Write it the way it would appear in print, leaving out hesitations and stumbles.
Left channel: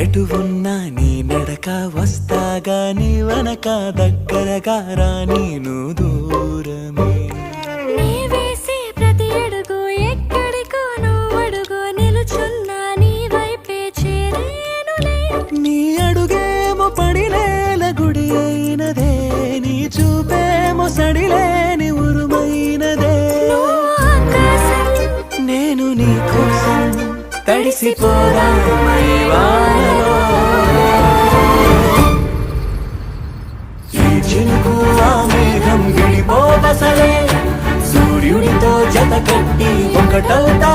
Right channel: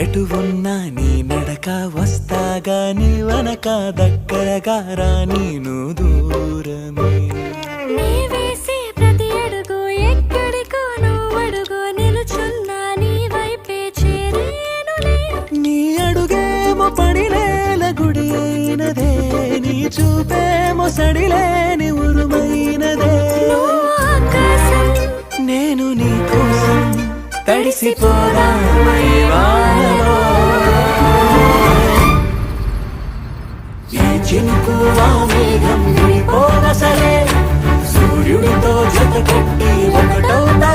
ఎటు ఉన్నా నీ నడక వస్తాగా నీ వనక దగ్గరగా రాని నువ్వు దూరమే నీ వేసే ప్రతి అడుగు ఎక్కడికో నువ్వు అడుగు నిలుచున్నా నీ వైపే చేరేనులే నీ అడుగేమో పడినేల గుడి అయినదే నీ చూపేమో సడిలేని ఉరుమైనదే ఆకాశం నేను నీ కోసం తడిసిపోదామై వానలో ఏ చినుకు ఆ మేఘం విడిపోన సరే సూర్యుడితో జత కట్టి ఒకటవుతా